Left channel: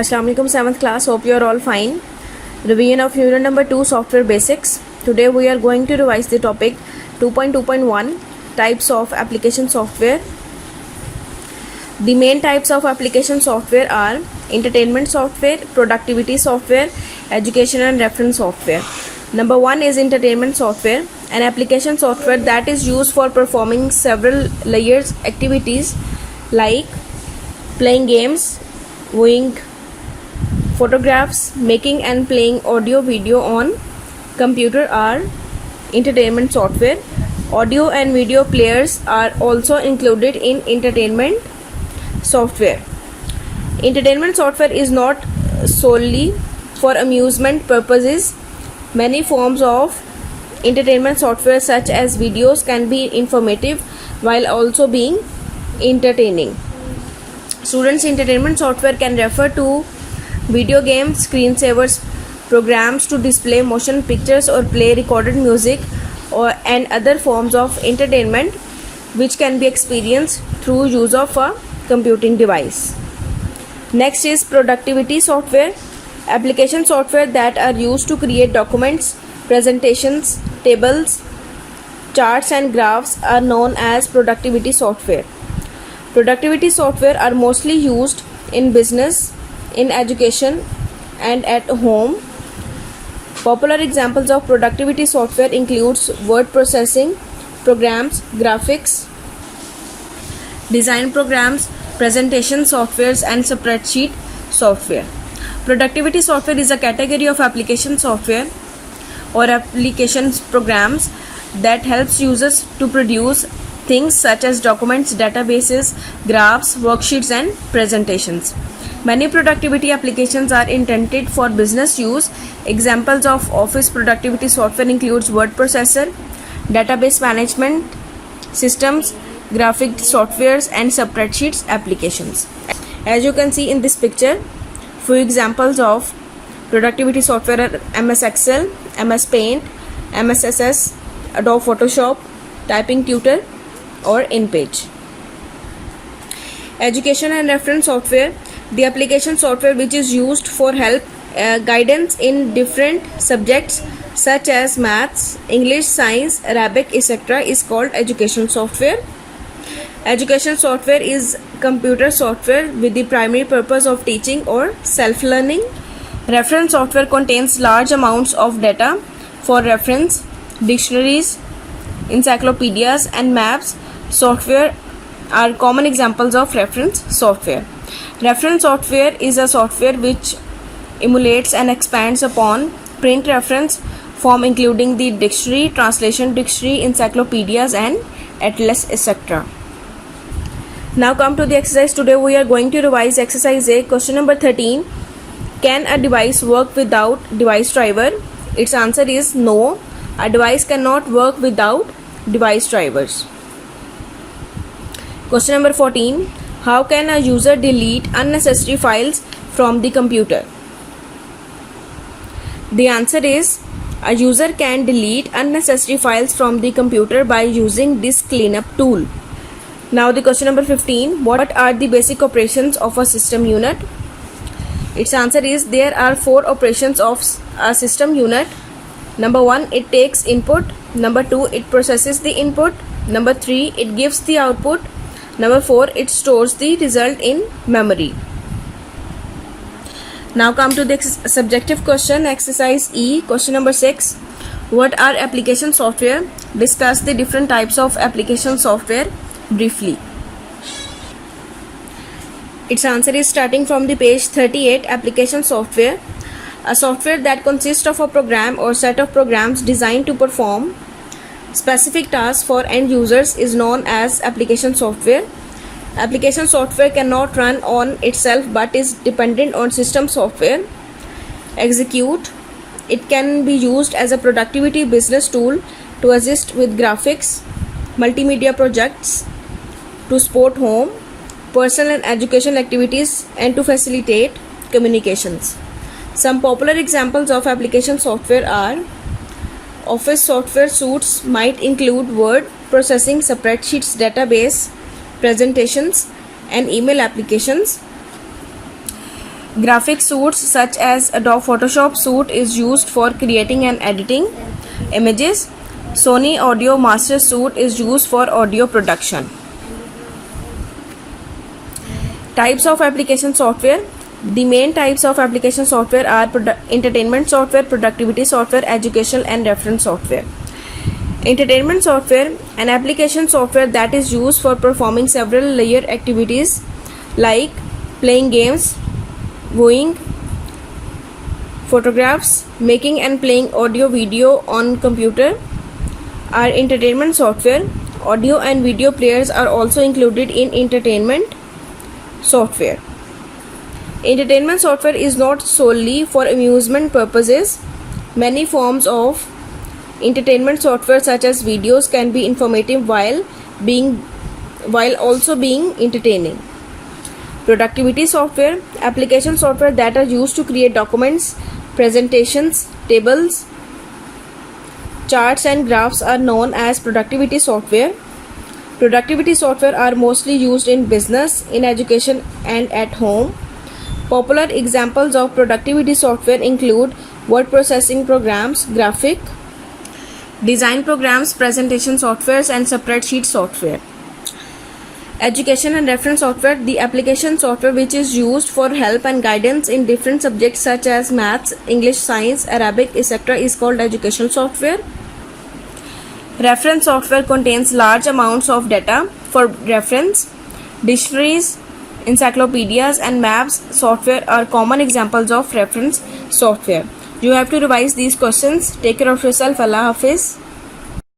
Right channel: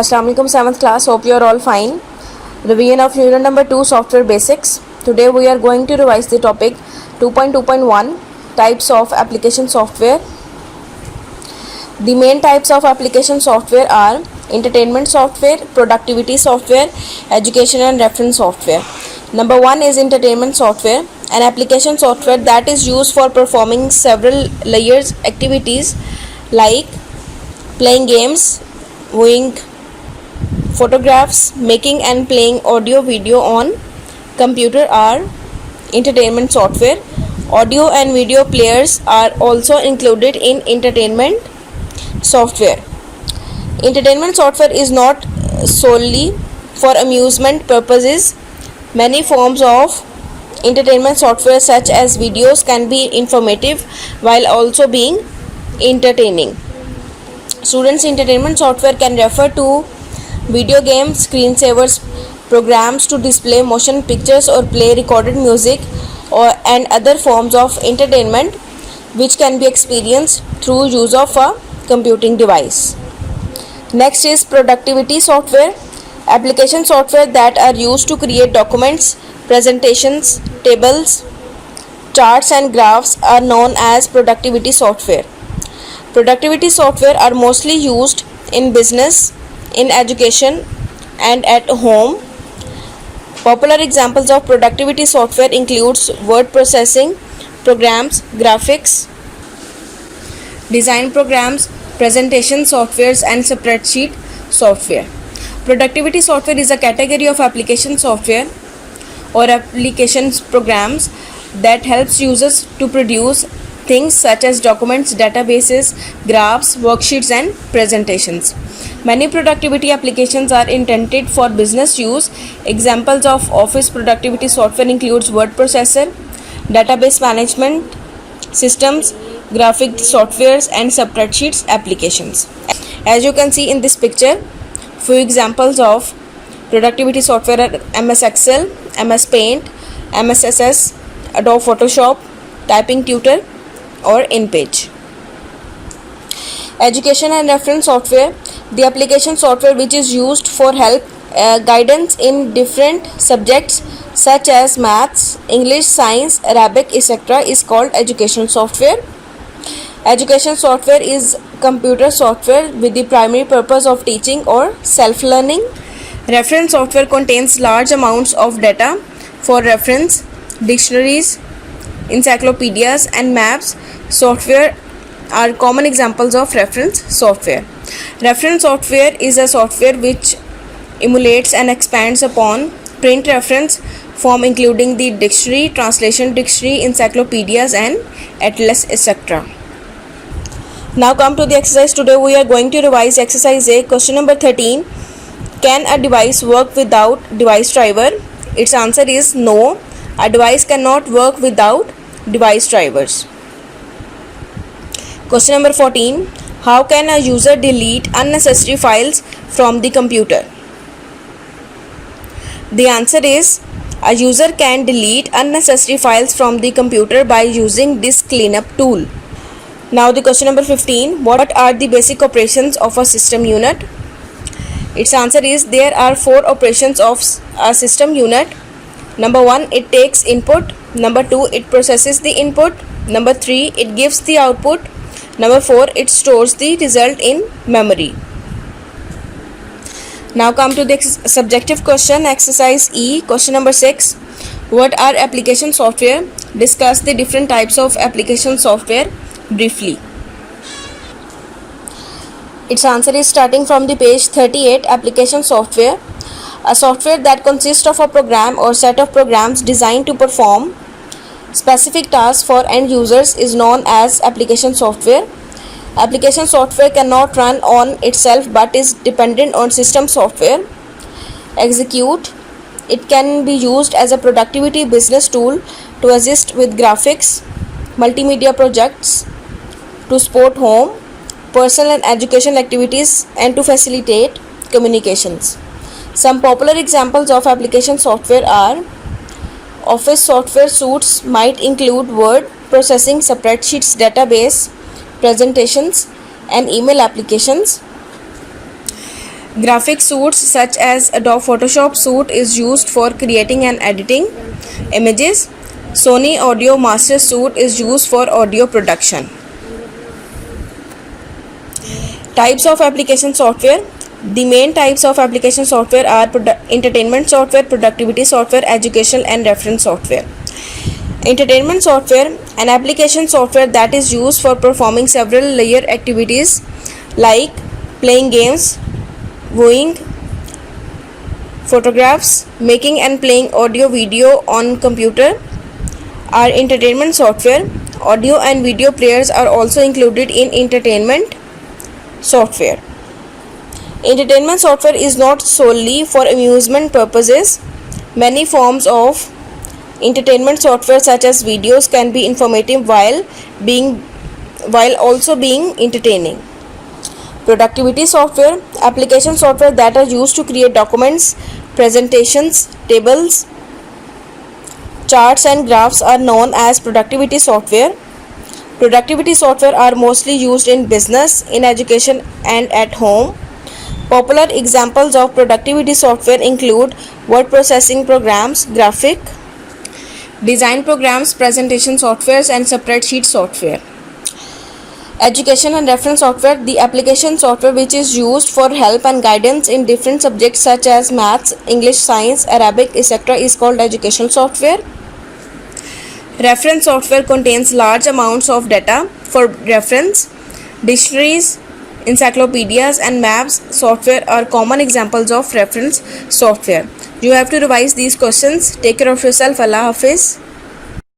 Assalamu alaikum 7th class. Hope you are all fine. Revision of unit number 2 software basics. Today we are going to revise the topic 2.2.1 types of application software. The main types of application software are entertainment software, productivity software, education and reference software. Number 1 is entertainment software, an application software that is used for performing several layers activities like playing games, viewing photographs, making and playing audio video on computer are entertainment software. Audio and video players are also included in entertainment software. Entertainment software is not solely for amusement purposes. Many forms of entertainment software such as videos can be informative while also being entertaining. Students' entertainment software can refer to video games, screensavers, programs to display motion pictures or play recorded music and other forms of entertainment which can be experienced through use of a computing device. Next is productivity software, application software that are used to create documents, presentations, tables, charts and graphs are known as productivity software. Productivity software are mostly used in business, in education and at home. Popular examples of productivity software includes word processing programs, graphics, design programs, presentation softwares and spreadsheet software. Productivity software is a category of application software or applications programs that helps users to produce things such as documents, databases, graphs, worksheets and presentations. Many productivity applications are intended for business use. Examples of office productivity software includes word processor, database management systems, graphic softwares and spreadsheets applications. As you can see in this picture, few examples of productivity software are MS Excel, MS Paint, MS SS, Adobe Photoshop, Typing Tutor or InPage. Education and reference software, the application software which is used for help guidance in different subjects such as maths, English, science, Arabic, etc. is called educational software. Education software is computer software with the primary purpose of teaching or self-learning. Reference software contains large amounts of data for reference, dictionaries, encyclopedias and maps. Software are common examples of reference software. Reference software is a software which emulates and expands upon print reference form including the dictionary, translation dictionary, encyclopedias and atlas, etc. Now come to the exercise. Today we are going to revise exercise A. Question number 13. Can a device work without device driver? Its answer is no. A device cannot work without device drivers. Question number 14. How can a user delete unnecessary files from the computer? The answer is a user can delete unnecessary files from the computer by using disk cleanup tool. Now the question number 15. What are the basic operations of a system unit? Its answer is there are 4 operations of a system unit. Number 1, it takes input. Number 2, it processes the input. Number 3, it gives the output. Number 4, it stores the result in memory. Now come to the subjective question, exercise E. Question number 6. What are application software? Discuss the different types of application software briefly. Its answer is starting from the page 38. Application software, a software that consists of a program or set of programs designed to perform specific tasks for end users is known as application software. Application software cannot run on itself but is dependent on system software. Execute. It can be used as a productivity business tool to assist with graphics, multimedia projects, to support home, personal and educational activities and to facilitate communications. Some popular examples of application software are office software suites might include word processing, spreadsheets, database, presentations and email applications. Graphic suites such as Adobe Photoshop suite is used for creating and editing images. Sony Audio Master suite is used for audio production. Types of application software. The main types of application software are entertainment software, productivity software, educational and reference software. Entertainment software, an application software that is used for performing several layer activities like playing games, viewing photographs, making and playing audio video on computer are entertainment software. Audio and video players are also included in entertainment software. Entertainment software is not solely for amusement purposes. Many forms of entertainment software such as videos can be informative while also being entertaining. Productivity software, application software that are used to create documents, presentations, tables, charts and graphs are known as productivity software. Productivity software are mostly used in business, in education and at home. Popular examples of productivity software include word processing programs, graphic design programs, presentation softwares and spreadsheet software. Education and reference software, the application software which is used for help and guidance in different subjects such as maths, English, science, Arabic, etc. is called educational software. Reference software contains large amounts of data for reference. Dictionaries, encyclopedias and maps software are common examples of reference software. You have to revise these questions. Take care of yourself. Allah Hafiz.